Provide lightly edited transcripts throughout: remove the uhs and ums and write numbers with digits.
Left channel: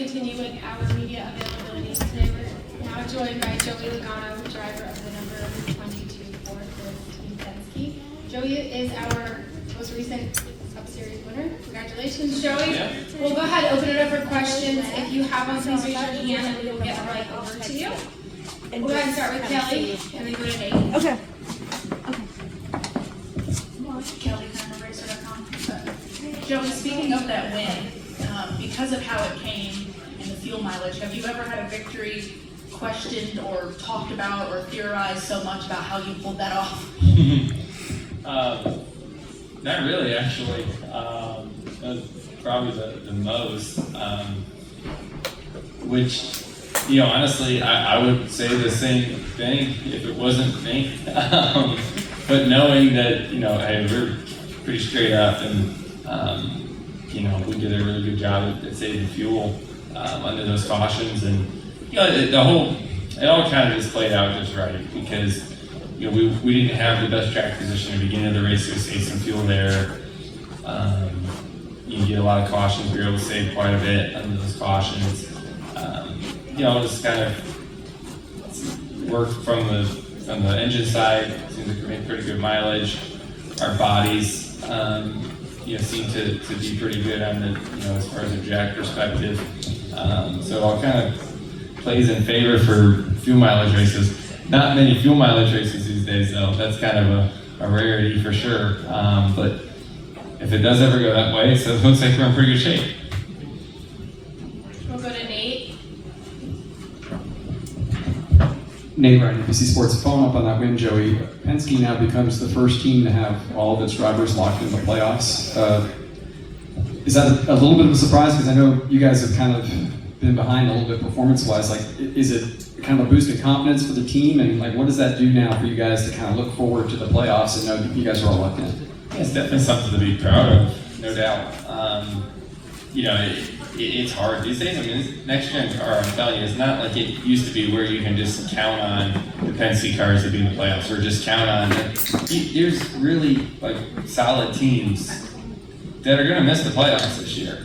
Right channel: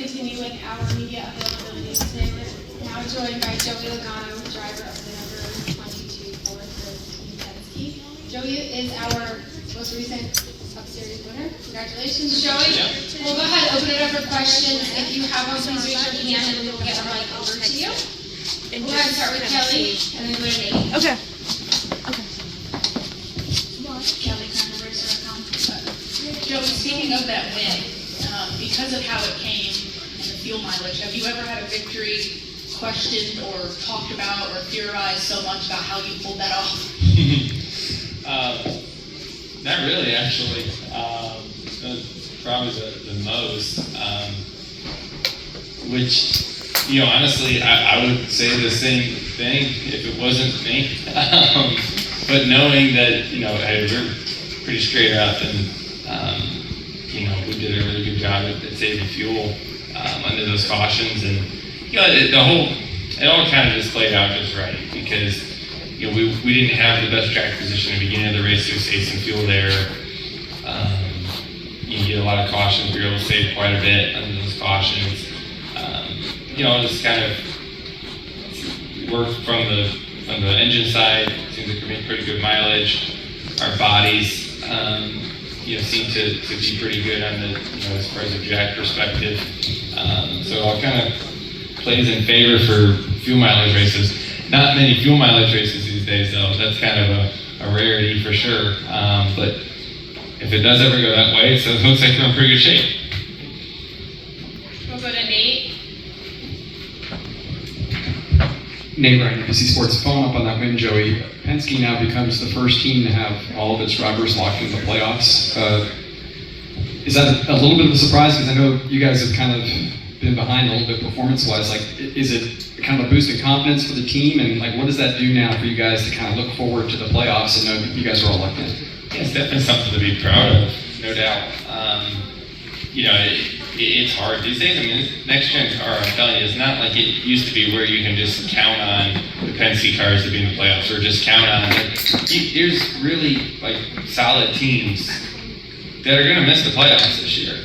Continue with our media availability today. We're now joined by Joey Logano, driver of the number 22 Ford Team Penske. Joey is our most recent Cup Series winner. Congratulations, Joey. We'll go ahead and open it up for questions. If you have one, please raise your hand and we will get a mic over to you. We'll go ahead and start with Kelly and then go to Nate. Okay. Kelly, KindRacer.com. Joey, speaking of that win, because of how it came and the fuel mileage, have you ever had a victory questioned or talked about or theorized so much about how you pulled that off? Not really, actually. That's probably the most. Which, honestly, I would say the same thing if it wasn't me. But knowing that, hey, we're pretty straight up and, we did a really good job at saving fuel under those cautions, and it all kind of just played out just right because we didn't have the best track position at the beginning of the race to save some fuel there. You get a lot of cautions. We were able to save quite a bit under those cautions. It's kind of worked from the engine side. It seems like we make pretty good mileage. Our bodies seem to be pretty good on the, as far as a jack perspective. So it all kind of plays in favor for fuel mileage races. Not many fuel mileage races these days, though. That's kind of a rarity for sure. But if it does ever go that way, so it looks like we're in pretty good shape. We'll go to Nate. Nate Ryan, NBC Sports. Following up on that win, Joey, Penske now becomes the first team to have all of its drivers locked in the playoffs. Is that a little bit of a surprise? Because I know you guys have kind of been behind a little bit performance-wise. Is it kind of a boost in confidence for the team? And what does that do now for you guys to kind of look forward to the playoffs and know you guys are all locked in? Yeah, it's definitely something to be proud of, no doubt. It's hard these days. I mean, this next-gen car, I'm telling you, it's not like it used to be where you can just count on the Penske cars to be in the playoffs or just count on there's really solid teams that are going to miss the playoffs this year.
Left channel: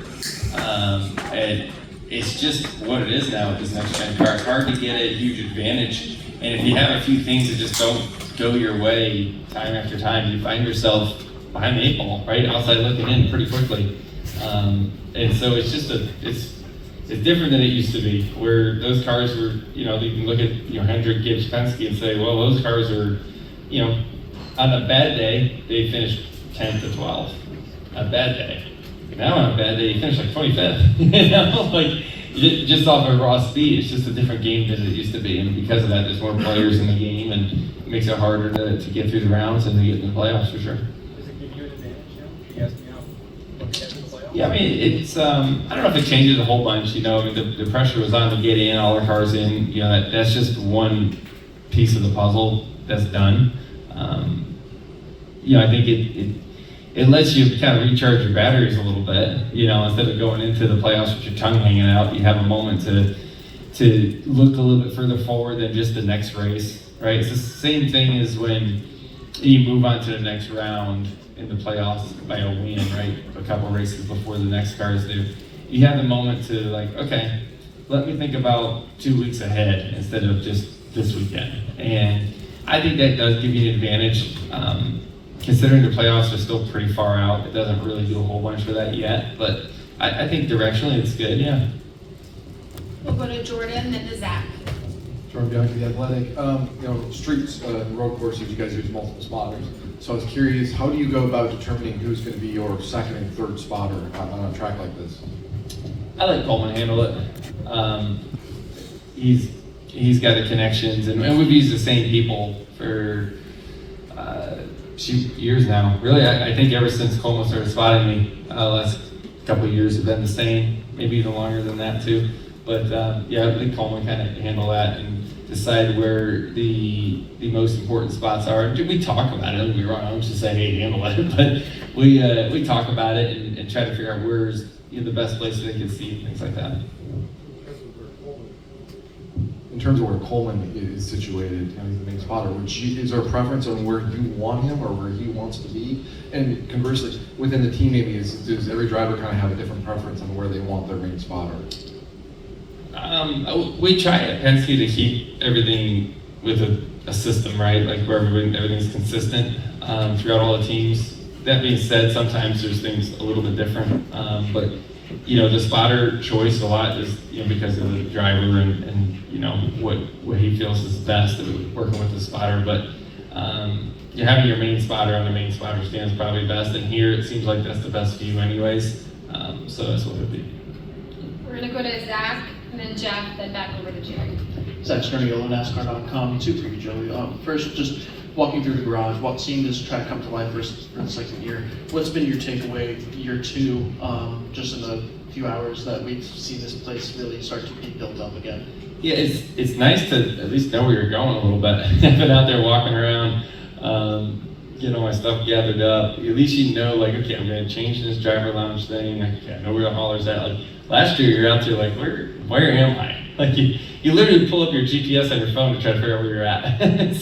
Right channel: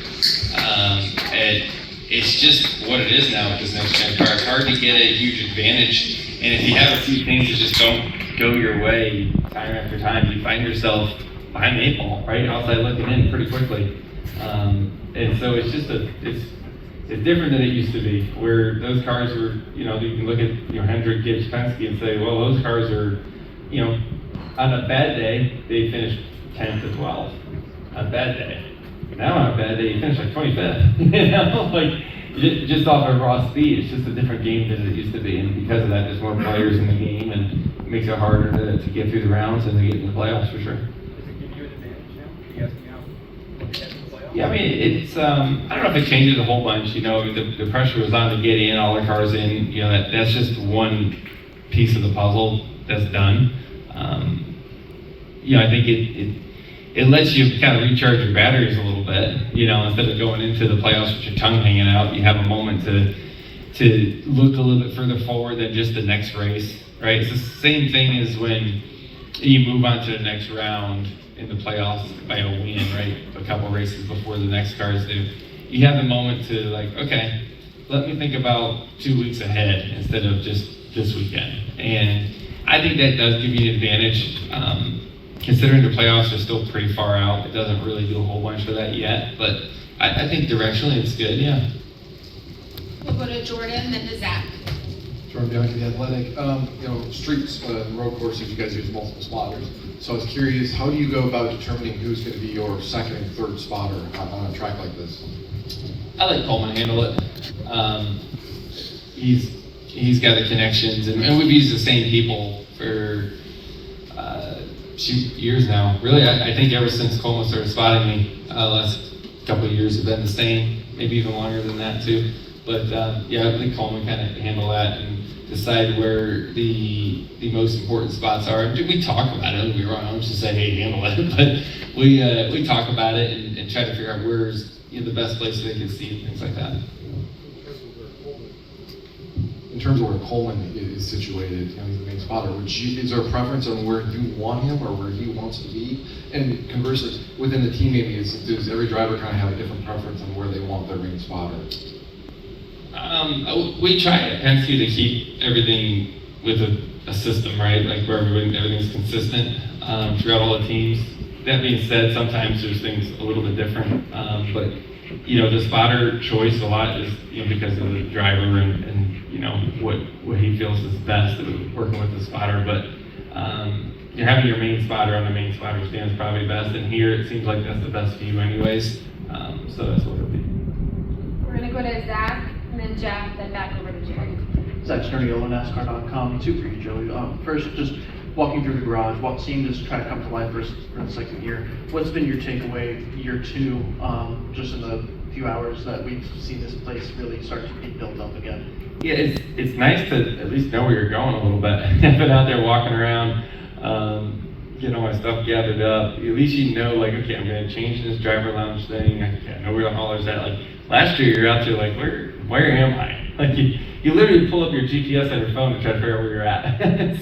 And it's just what it is now with this next-gen car. It's hard to get a huge advantage, and if you have a few things that just don't go your way time after time, you find yourself behind the eight ball, right outside looking in pretty quickly. And so it's just it's different than it used to be, where those cars were, you can look at Hendrick, Gibbs, Penske and say, well, those cars are, on a bad day they finished 10th to 12th, on a bad day. Now on a bad day you finish 25th, just off of raw speed. It's just a different game than it used to be, and because of that, there's more players in the game, and it makes it harder to get through the rounds and to get in the playoffs for sure. Yeah, I mean, it's, I don't know if it changes a whole bunch, the pressure was on to get in, all the cars in, that's just one piece of the puzzle that's done. I think it lets you kind of recharge your batteries a little bit, instead of going into the playoffs with your tongue hanging out, you have a moment to look a little bit further forward than just the next race, right? It's the same thing as when you move on to the next round in the playoffs by a win, right? A couple races before the next cars do. You have the moment to okay, let me think about 2 weeks ahead instead of just this weekend. And I think that does give you an advantage. Considering the playoffs are still pretty far out, it doesn't really do a whole bunch for that yet, but I think directionally it's good, yeah. We'll go to Jordan, then to Zach. Jordan Bianchi, The Athletic. Streets and road courses, you guys use multiple spotters. So I was curious, how do you go about determining who's going to be your second and third spotter on a track like this? I let Coleman handle it. He's got the connections, and we've used the same people for years now. Really, I think ever since Coleman started spotting me, the last couple of years have been the same, maybe even longer than that too. But I think Coleman kind of handle that and decide where the most important spots are. We talk about it, don't get me wrong, I'm just saying hey, handle it, but we talk about it and try to figure out where's the best place they can see and things like that. In terms of where Coleman is situated, he's the main spotter, is there a preference on where you want him or where he wants to be? And conversely, within the team, maybe does every driver kind of have a different preference on where they want their main spotter? We try at Penske to keep everything with a system, right? Like where everything's consistent throughout all the teams. That being said, sometimes there's things a little bit different, but the spotter choice a lot is because of the driver and what he feels is best working with the spotter. But having your main spotter on the main spotter stand is probably best. And here it seems like that's the best view, anyways. So that's what it'll be. We're gonna go to Zach, and then Jeff, then back over to Jerry. Zach Sternio, NASCAR.com. Two for you, Joey. First, just walking through the garage, seeing this try to come to life for the second year. What's been your takeaway year two, just in the few hours that we've seen this place really start to be built up again? Yeah, it's nice to at least know where you're going a little bit. I've been out there walking around, getting all my stuff gathered up. At least okay, I'm gonna change this driver lounge thing. I know where the hauler's at. Like last year, you're out there like, where am I? Like you literally pull up your GPS on your phone to try to figure out where you're at.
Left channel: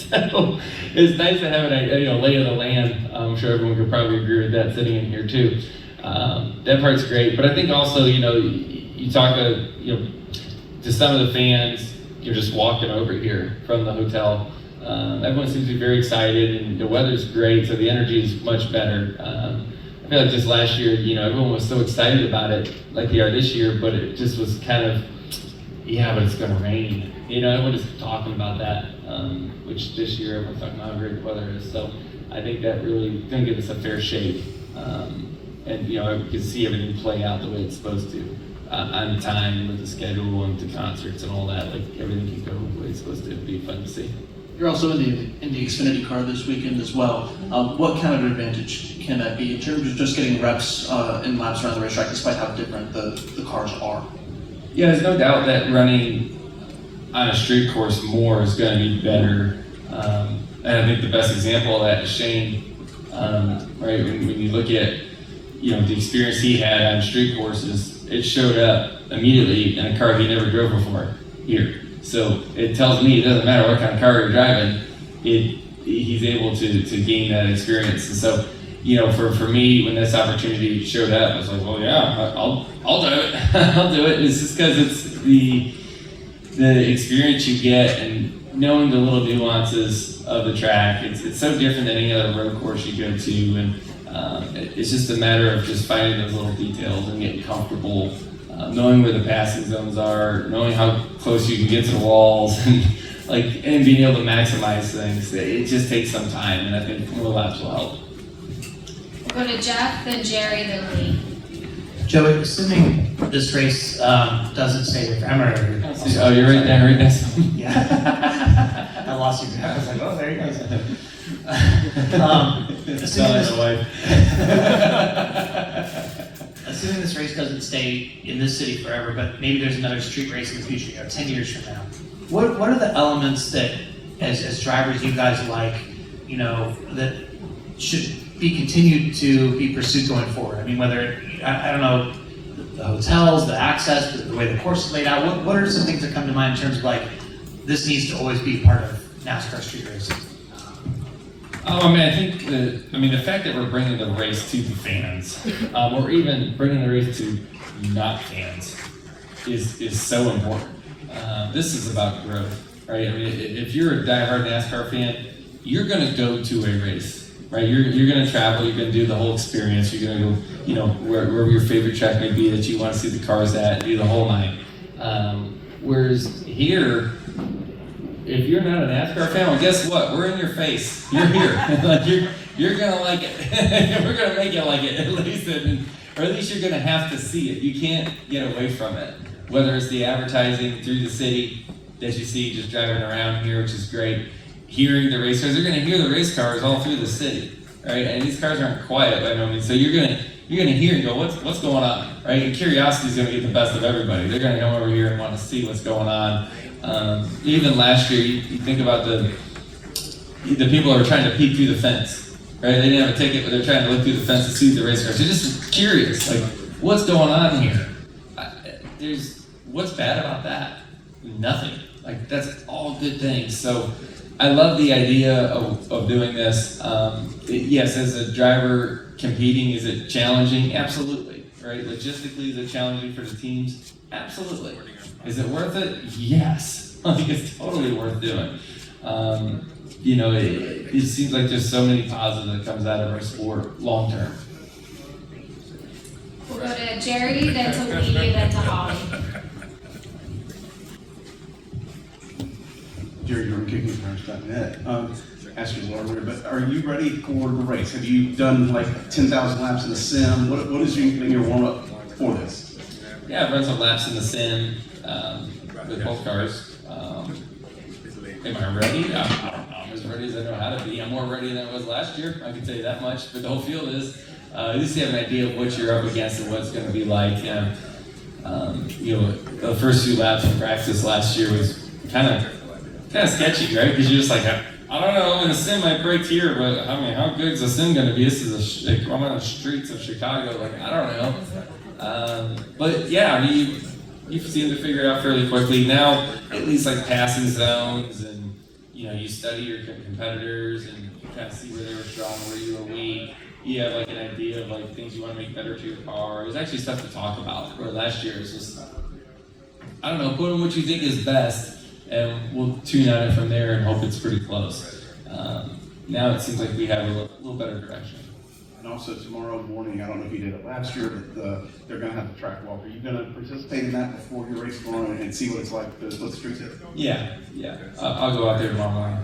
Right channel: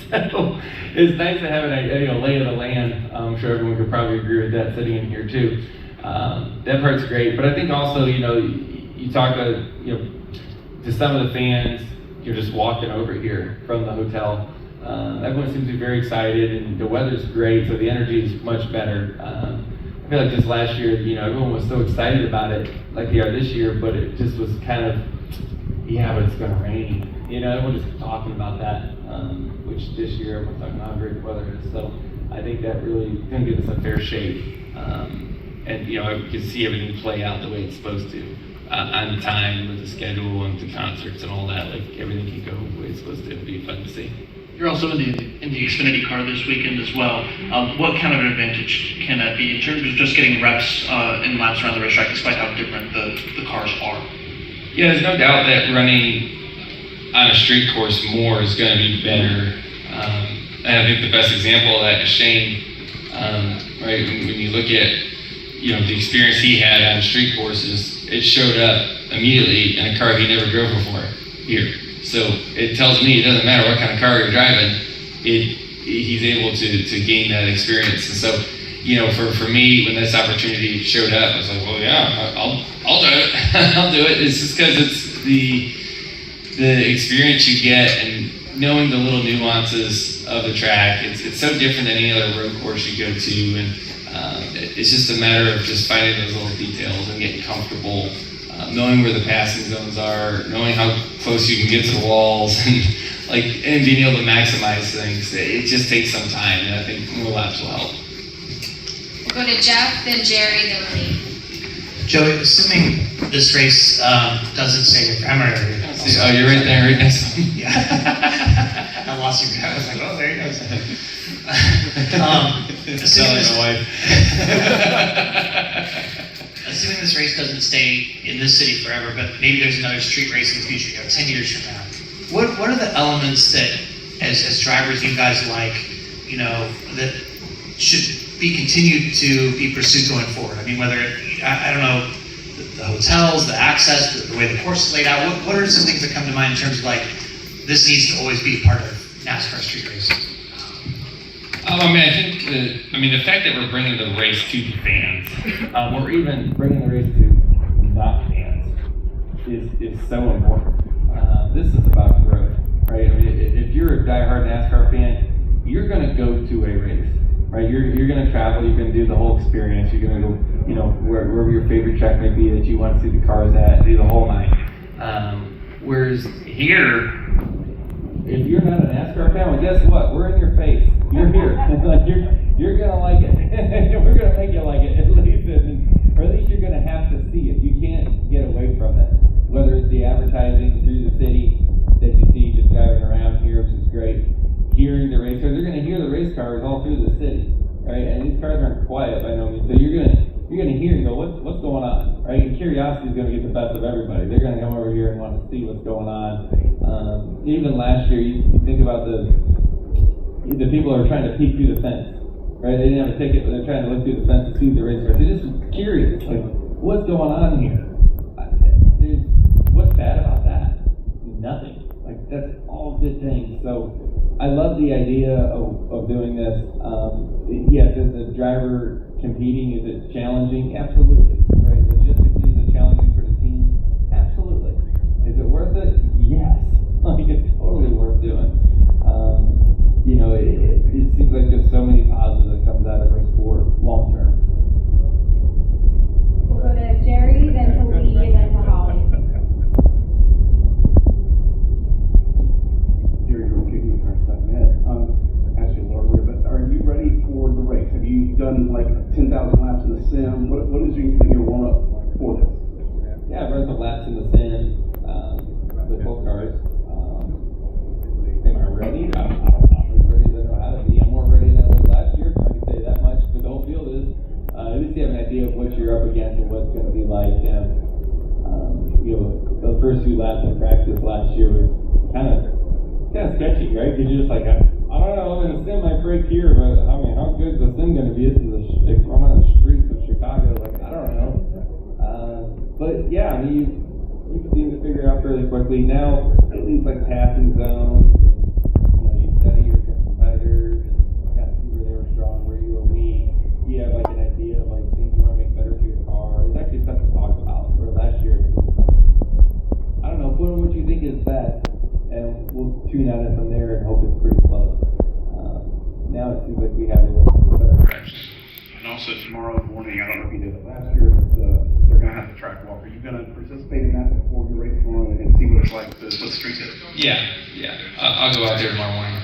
So it's nice to have an lay of the land. I'm sure everyone could probably agree with that sitting in here too. That part's great, but I think also you talk to some of the fans. You're just walking over here from the hotel. Everyone seems to be very excited, and the weather's great, so the energy is much better. I feel like just last year, everyone was so excited about it, like they are this year, but it just was kind of, but it's going to rain. Everyone is talking about that, which this year everyone's talking about how great the weather is. So I think that really didn't give us a fair shake. And I could see everything play out the way it's supposed to, on time with the schedule and the concerts and all that. Like everything can go the way it's supposed to. It'd be fun to see. You're also in the Xfinity car this weekend as well. What kind of an advantage can that be in terms of just getting reps and laps around the racetrack, despite how different the cars are? Yeah, there's no doubt that running on a street course more is going to be better. And I think the best example of that is Shane. Right, when you look at the experience he had on street courses, it showed up immediately in a car he never drove before here. So it tells me it doesn't matter what kind of car you're driving, he's able to gain that experience. And so, for me, when this opportunity showed up, I was like, well, yeah, I'll do it. I'll do it. It's just because it's the experience you get and knowing the little nuances of the track. It's so different than any other road course you go to, and it's just a matter of just finding those little details and getting comfortable. Knowing where the passing zones are, knowing how close you can get to the walls, and being able to maximize things. It just takes some time, and I think more laps will help. We'll go to Jeff, then Jerry, then Lee. Joey, assuming this race doesn't stay here forever. Oh, you're right there, right next to me. Yeah. I lost you. I was like, oh, there he goes. Assuming this race doesn't stay in this city forever, but maybe there's another street race in the future, 10 years from now. What are the elements that, as drivers, you guys like, that should be continued to be pursued going forward? I mean, whether, I don't know, the hotels, the access, the way the course is laid out, what are some things that come to mind in terms of this needs to always be part of NASCAR street racing? I think the fact that we're bringing the race to the fans, or even bringing the race to not fans, is so important. This is about growth, right? I mean, if you're a diehard NASCAR fan, you're going to go to a race, right? You're going to travel. You're going to do the whole experience. You're going to go, wherever your favorite track may be that you want to see the cars at, and do the whole night. Whereas here, if you're not a NASCAR fan, well, guess what? We're in your face. You're here. You're gonna like it. We're gonna make you like it, at least, or at least you're gonna have to see it. You can't get away from it. Whether it's the advertising through the city that you see just driving around here, which is great. Hearing the race cars, they're gonna hear the race cars all through the city, right? And these cars aren't quiet by no means. So you're gonna hear and go, what's going on, right? And curiosity is gonna get the best of everybody. They're gonna come over here and want to see what's going on. Even last year, you think about the people who are trying to peek through the fence, right? They didn't have a ticket, but they're trying to look through the fence to see the race cars. They're just curious, what's going on here? What's bad about that? Nothing. That's all good things. So I love the idea of doing this. Yes, as a driver competing, is it challenging? Absolutely, right? Logistically, is it challenging for the teams? Absolutely. Is it worth it? Yes. Like, it's totally worth doing. You know, it seems like there's so many positives that comes out of our sport long term. We'll go to Jerry, then to Lee, then to Holly. Jerry from kickingcars.net. Asked you earlier, but are you ready for the race? Have you done like 10,000 laps in the sim? What is your warm up for this? Yeah, I've run some laps in the sim with both cars. Am I ready? I don't know. I'm as ready as I know how to be. I'm more ready than I was last year. I can tell you that much. But the whole field is. At least you have an idea of what you're up against and what it's going to be like. You know, the first few laps in practice last year was kind of sketchy, right? Because you're just like, I don't know, in the sim I braked here, but I mean, how good is the sim going to be? This is I'm on the streets of Chicago, like, I don't know. But yeah, I mean, you seem to figure it out fairly quickly. Now, at least like passing zones, and you know, you study your competitors and you kind of see where they were strong, where you were weak. You have like an idea of like things you want to make better to your car. It was actually stuff to talk about. Where last year it was just, I don't know, put in what you think is best, and we'll tune on it from there and hope it's pretty close. Now it seems like we have a little better direction. And also tomorrow morning, I don't know if you did it last year, but they're going to have the track walk. Are you going to participate in that before your race tomorrow and see what it's like, what the streets is? Yeah. I'll go out there tomorrow morning.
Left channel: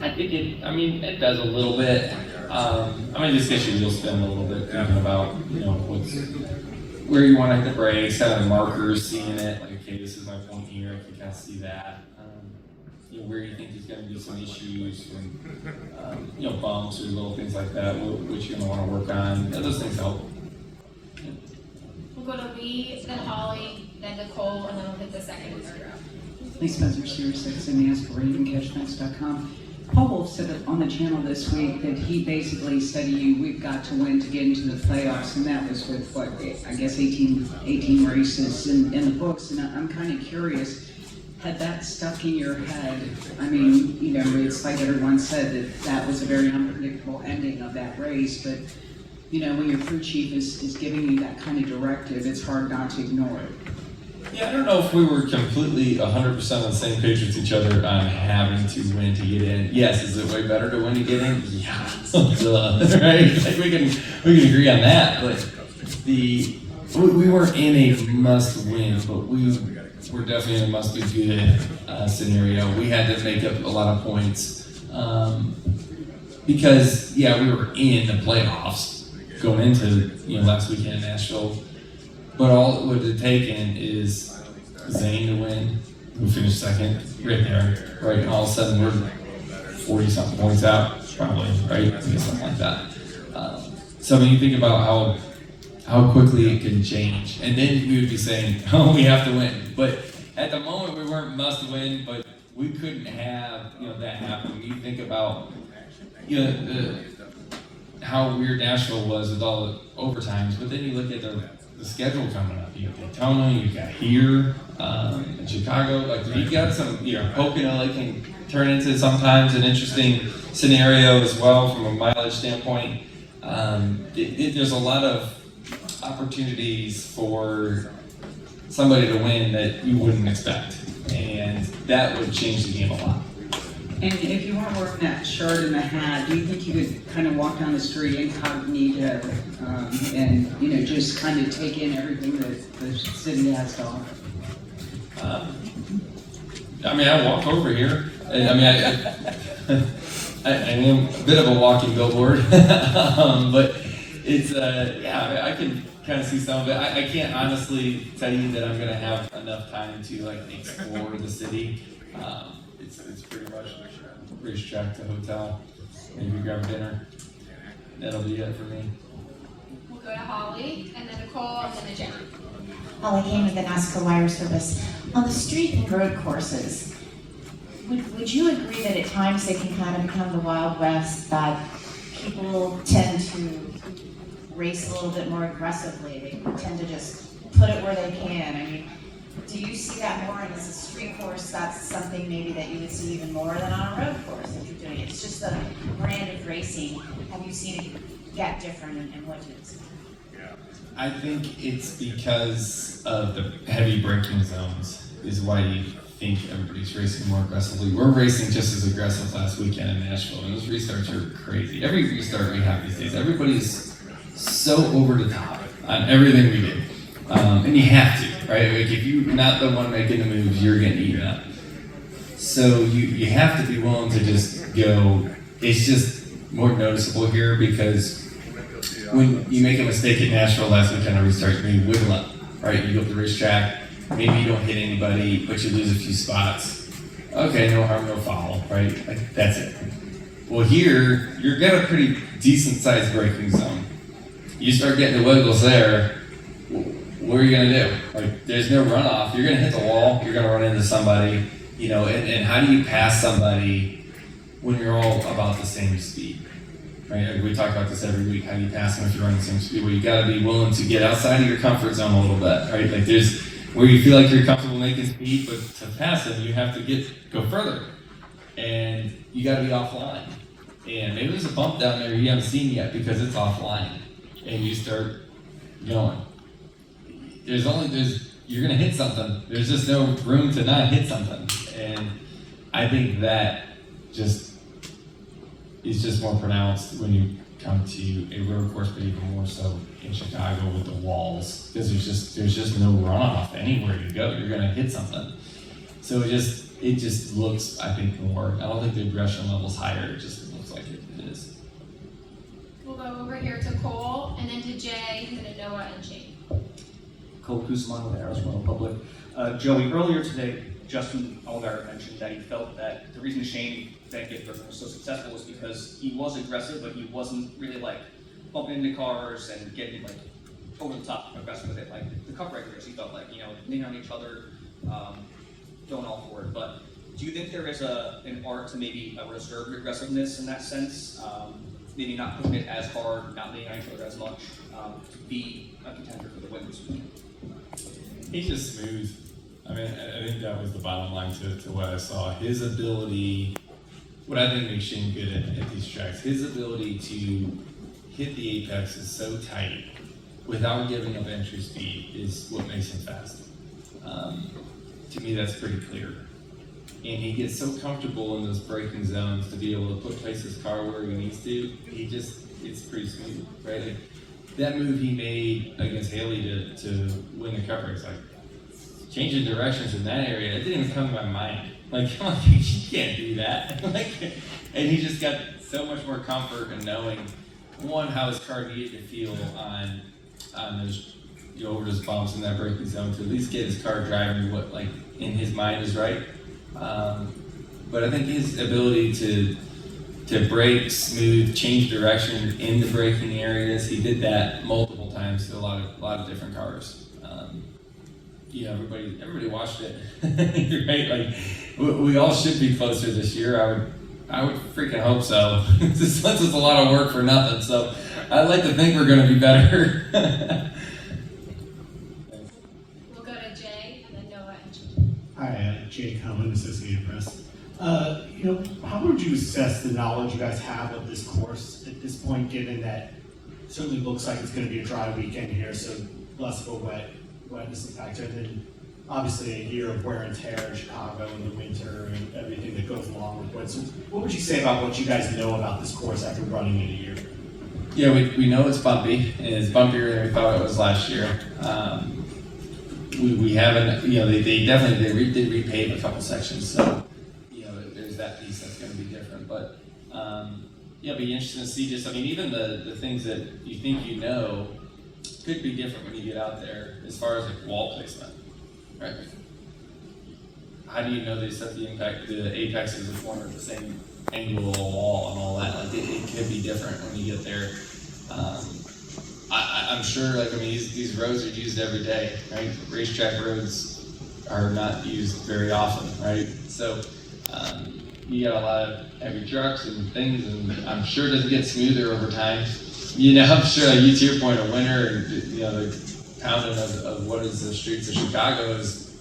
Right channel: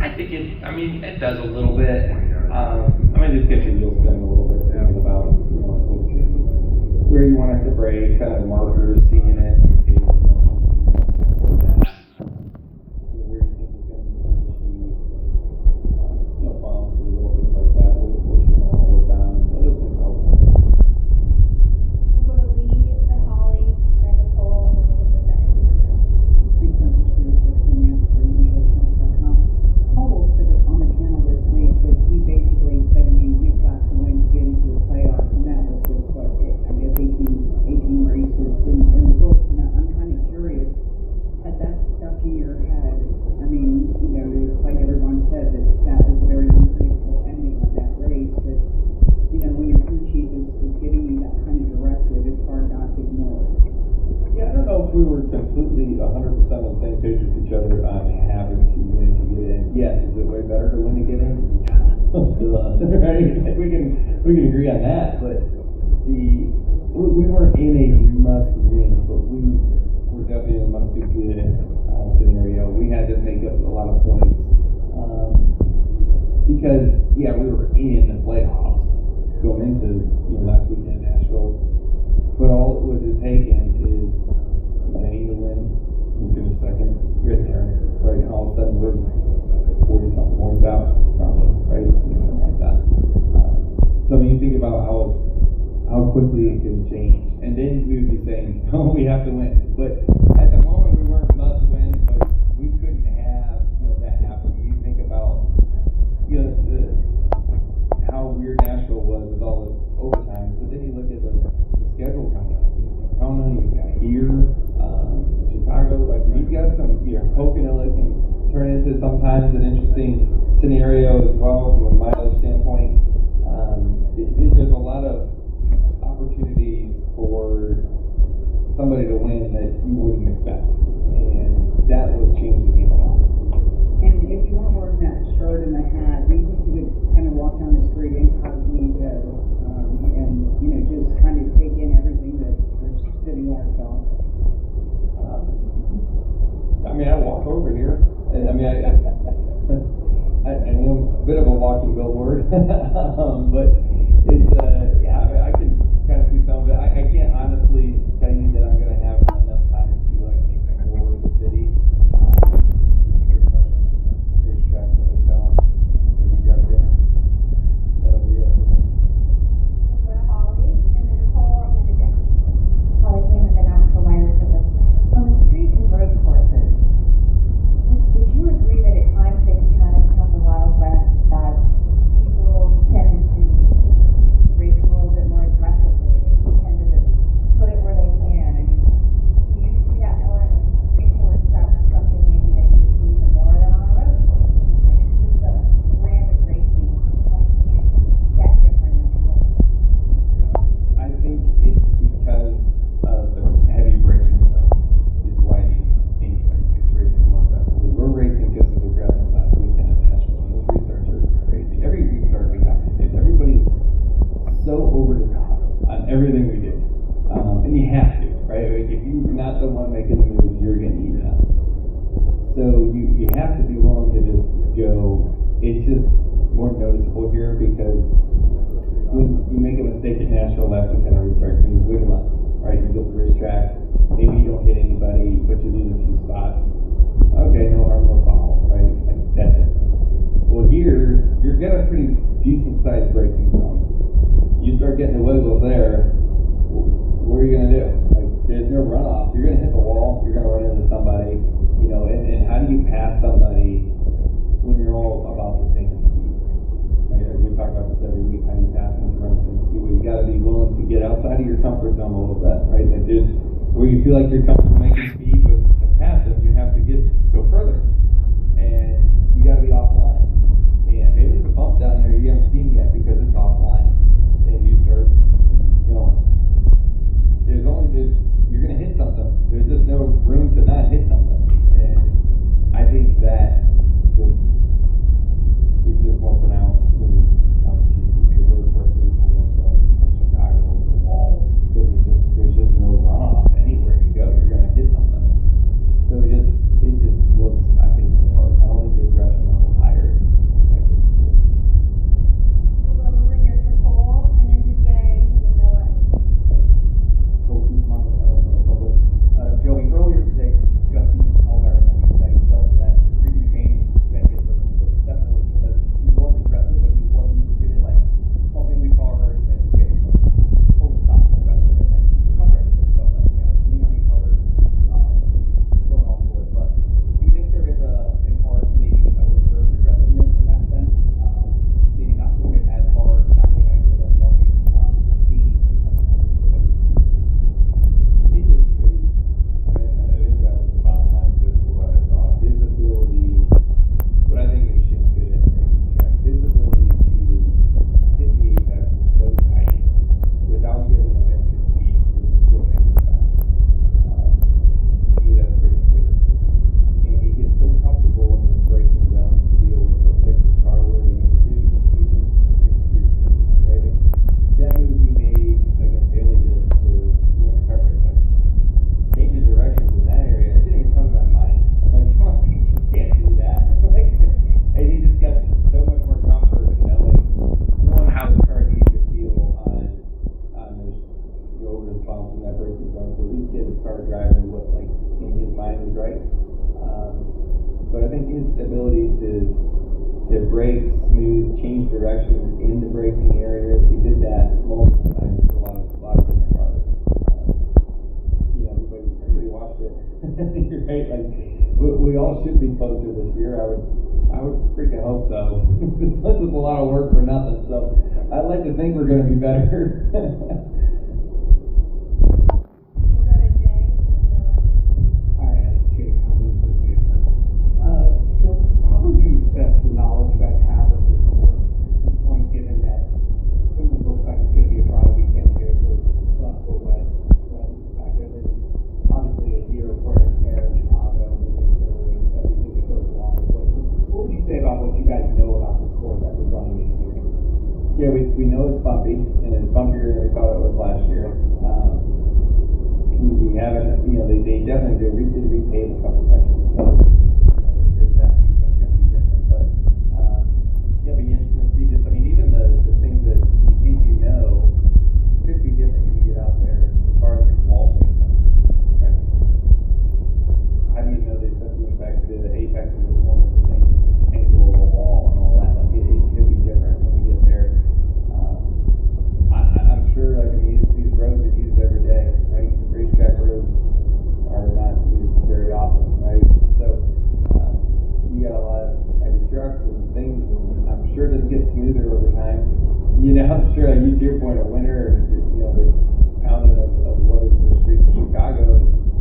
I think it does a little bit. Just gets your wheels spinning a little bit, thinking about, you know, where you want to hit the brakes, kind of the markers, seeing it, like, okay, this is my point here, I can kind of see that. You know, where you think there's going to be some issues, you know, bumps or little things like that, which you're going to want to work on. Those things help. We'll go to Lee, then Holly, then Nicole, and then we'll hit the second and third row. Lee Spencer, Series 6, and ask for RavenCashMax.com. Paul Wolf said on the channel this week that he basically said to you, we've got to win to get into the playoffs, and that was with, what, I guess 18 races in the books, and I'm kind of curious, had that stuck in your head? I mean, you know, it's like everyone said that was a very unpredictable ending of that race, but, you know, when your crew chief is giving you that kind of directive, it's hard not to ignore it. Yeah, I don't know if we were completely 100% on the same page with each other on having to win to get in. Yes, is it way better to win to get in? Yeah, right? Like we can agree on that, but we weren't in a must-win, but we were definitely in a must-be-good scenario. We had to make up a lot of points because we were in the playoffs going into last weekend in Nashville. But all it would have taken is Zane to win. We finished second, right there. Right, and all of a sudden we're 40-something points out, probably, right? Something like that. So when you think about how quickly it can change, and then we would be saying, "Oh, we have to win." But at the moment, we weren't must win, but we couldn't have that happen. When you think about how weird Nashville was with all the overtimes, but then you look at the schedule coming up. You got Daytona, you got here, Chicago. Like you got some, Pocono can turn into sometimes an interesting scenario as well from a mileage standpoint. There's a lot of opportunities for somebody to win that you wouldn't expect, and that would change the game a lot. And if you weren't wearing that shirt and the hat, do you think you could kind of walk down the street incognito and just kind of take in everything that the city has to offer? I walk over here. I am a bit of a walking billboard, but it's I can kind of see some of it. I can't honestly tell you that I'm going to have enough time to explore the city. It's pretty much racetrack to hotel, maybe grab dinner. That'll be it for me. We'll go to Holly, and then Nicole, and then to Jen. Holly came with the NASCAR Wire Service. On the street and road courses, would you agree that at times they can kind of become the Wild West, that people tend to race a little bit more aggressively? They tend to just put it where they can. I mean, do you see that more? And as a street course, that's something maybe that you would see even more than on a road course if you're doing it. It's just the brand of racing. Have you seen it get different, and what do you expect? I think it's because of the heavy braking zones is why you think everybody's racing more aggressively. We're racing just as aggressive last weekend in Nashville, and those restarts are crazy. Every restart we have these days, everybody's so over the top on everything we do. And you have to, right? Like if you're not the one making the moves, you're getting eaten up. So you have to be willing to just go. It's just more noticeable here because when you make a mistake at Nashville last weekend on restart, you wiggle up, right? You go up the racetrack, maybe you don't hit anybody, but you lose a few spots. Okay, no harm, no foul, right? Like, that's it. Well, here, you're got a pretty decent-sized braking zone. You start getting the wiggles there, what are you gonna do? Like, there's no runoff. You're gonna hit the wall, you're gonna run into somebody, you know, and how do you pass somebody when you're all about the same speed? Right? We talk about this every week. How do you pass them if you're running the same speed? Well, you got to be willing to get outside of your comfort zone a little bit, right? Like there's where you feel like you're comfortable making speed, but to pass them, you have to go further, and you got to be offline. And maybe there's a bump down there you haven't seen yet because it's offline, and you start going. You're gonna hit something. There's just no room to not hit something, and I think that is just more pronounced when you come to a road course, but even more so in Chicago with the walls, because there's just no runoff anywhere you go. You're gonna hit something. So it just looks, I think, more. I don't think the aggression level's higher. It just looks like it is. We'll go over here to Cole, and then to Jay, and then to Noah and Shane. Cole Kusaman with Arizona Public. Joey, earlier today, Justin Allgaier mentioned that he felt that the reason Shane Van Gisbergen was so successful was because he was aggressive, but he wasn't really like bumping into cars and getting like over the top aggressive with it. Like the cup breakers, he felt like, you know, leaning on each other, going all for it. But do you think there is an art to maybe a reserved aggressiveness in that sense? Maybe not pushing it as hard, not leaning on each other as much, to be a contender for the win this week? He's just smooth. I mean, I think that was the bottom line to what I saw. His ability, what I think makes Shane good at these tracks, his ability to hit the apex is so tight without giving up entry speed is what makes him fast. To me, that's pretty clear. And he gets so comfortable in those braking zones to be able to place his car where he needs to. It's pretty smooth, right? Like, that move he made against Haley to win the cup race, like changing directions in that area, it didn't even come to my mind. Like, you can't do that. Like, and he just got so much more comfort in knowing, one, how his car needed to feel on those, you know, over those bumps in that braking zone to at least get his car driving what, like, in his mind is right. But I think his ability to brake smooth, change direction in the braking areas, he did that multiple times to a lot of different cars. You know, everybody watched it, right? Like, we all should be closer this year. I would freaking hope so. This lets us a lot of work for nothing. So I'd like to think we're going to be better. We'll go to Jay, and then Noah and Shane. Hi, Jay Cohen, Associated Press. You know, how would you assess the knowledge you guys have of this course at this point, given that it certainly looks like it's going to be a dry weekend here, so less of a wetness factor, and then obviously a year of wear and tear in Chicago in the winter and everything that goes along with it. So what would you say about what you guys know about this course after running it a year? Yeah, we know it's bumpy, and it's bumpier than we thought it was last year. We haven't, you know, they did repave a couple sections, so you know, there's that piece that's going to be different. But yeah, it'll be interesting to see. Just, I mean, even the things that you think you know could be different when you get out there, as far as like wall placement, right? How do you know they set the apex is a corner at the same angle of the wall and all that? Like it could be different when you get there. I'm sure, like, I mean, these roads are used every day, right? Racetrack roads are not used very often, right? So you got a lot of heavy trucks and things, and I'm sure it doesn't get smoother over time. You know, I'm sure, like, you to your point, of winter, and you know, the pounding of what is the streets of Chicago is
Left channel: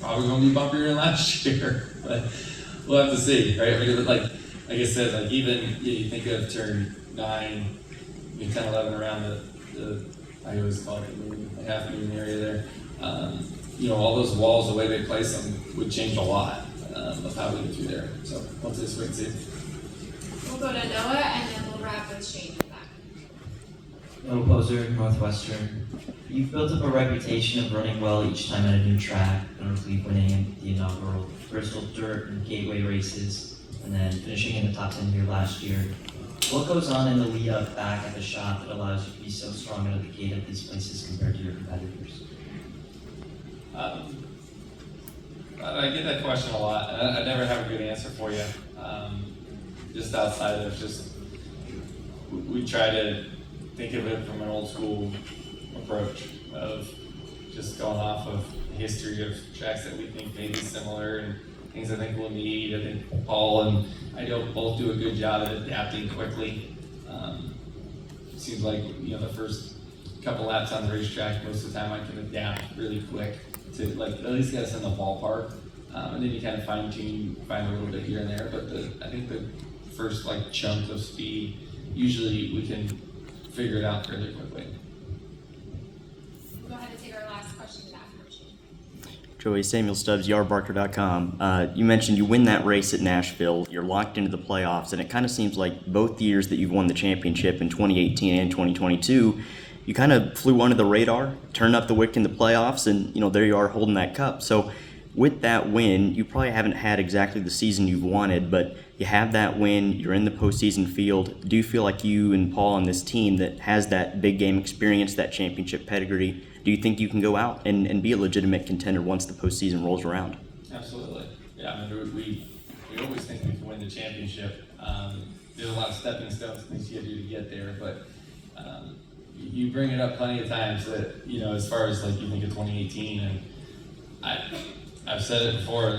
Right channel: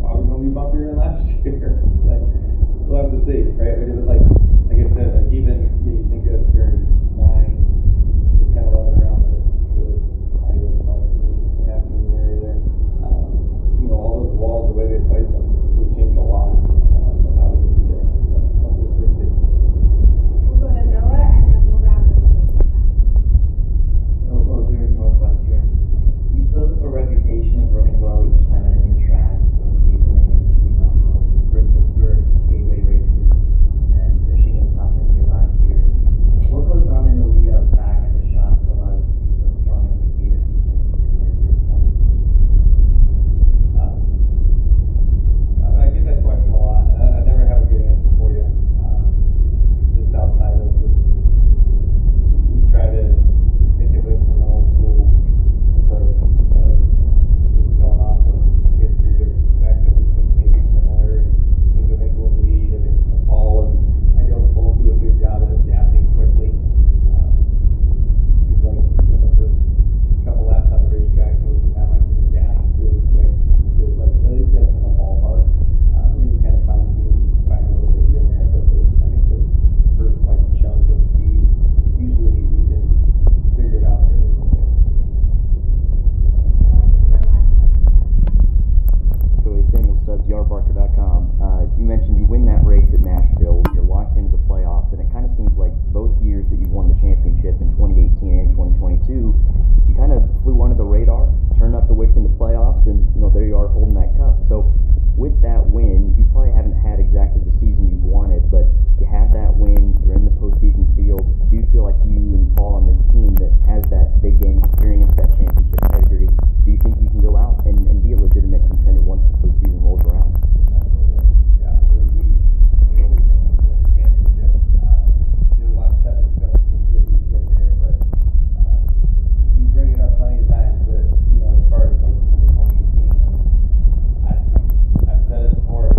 probably going to be bumpier than last year, but we'll have to see, right? Because like I said, like even you think of turn 9, 10, 11 around the I always call it the half moon area there. walls, the way they place them, would change a lot of how we get through there. So hopefully this we can see. We'll go to Noah and then we'll wrap with Shane. Noah Poser, Northwestern. You've built up a reputation of running well each time at a new track, notably winning in the inaugural Bristol Dirt and Gateway races, and then finishing in the top 10 here last year. What goes on in the lead up back at the shop that allows you to be so strong out of the gate at these places compared to your competitors? I get that question a lot, and I never have a good answer for you. Just outside of we try to think of it from an old school approach of just going off of history of tracks that we think may be similar and things I think we'll need. I think Paul and I both do a good job at adapting quickly. Seems like the first couple laps on the racetrack, most of the time I can adapt really quick to at least get us in the ballpark, and then you kind of fine tune, find a little bit here and there. But I think the first chunk of speed, usually we can figure it out fairly quickly. Go ahead and take our last question after. Joey, Samuel Stubbs, yardbarker.com. You mentioned you win that race at Nashville, you're locked into the playoffs, and it kind of seems like both years that you've won the championship in 2018 and 2022, you kind of flew under the radar, turned up the wick in the playoffs, and there you are holding that cup. So with that win, you probably haven't had exactly the season you've wanted, but you have that win, you're in the postseason field. Do you feel like you and Paul on this team that has that big game experience, that championship pedigree, do you think you can go out and be a legitimate contender once the postseason rolls around? Absolutely. Yeah, we always think we can win the championship. There's a lot of stepping stones things you have to do to get there, but you bring it up plenty of times that, as far as you think of 2018, and I've said it before,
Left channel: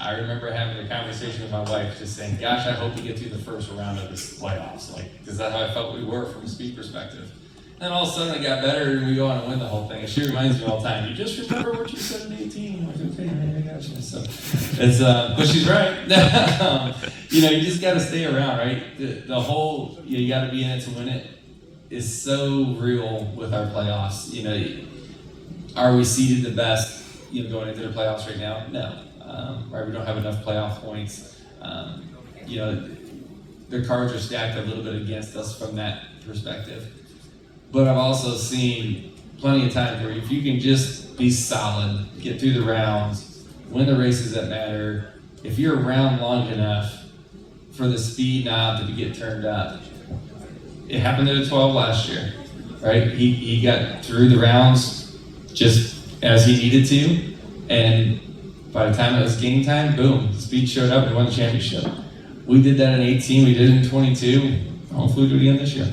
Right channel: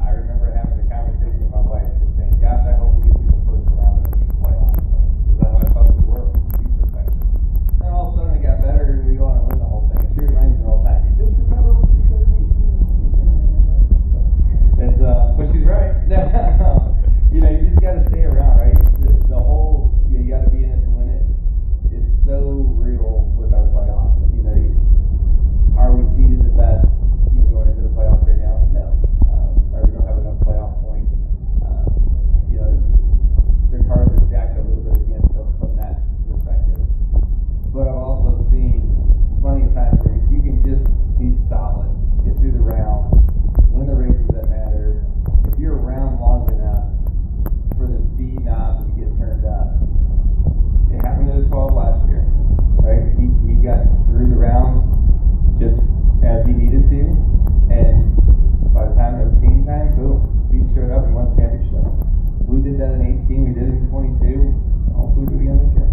I remember having a conversation with my wife just saying, gosh, I hope we get through the first round of this playoffs, because that's how I felt we were from a speed perspective. Then all of a sudden it got better and we go on and win the whole thing. She reminds me all the time, you just remember what you said in 18. I'm like, okay, I got you. So it's, but she's right. You just got to stay around, right? The whole, you got to be in it to win it is so real with our playoffs. Are we seeded the best, going into the playoffs right now? No. Right, we don't have enough playoff points. The cards are stacked a little bit against us from that perspective. But I've also seen plenty of times where if you can just be solid, get through the rounds, win the races that matter, if you're around long enough for the speed knob to get turned up. It happened to the 12 last year, right? He got through the rounds just as he needed to, and by the time it was game time, boom, the speed showed up and won the championship. We did that in 18, we did it in 22, hopefully we'll do it again this year.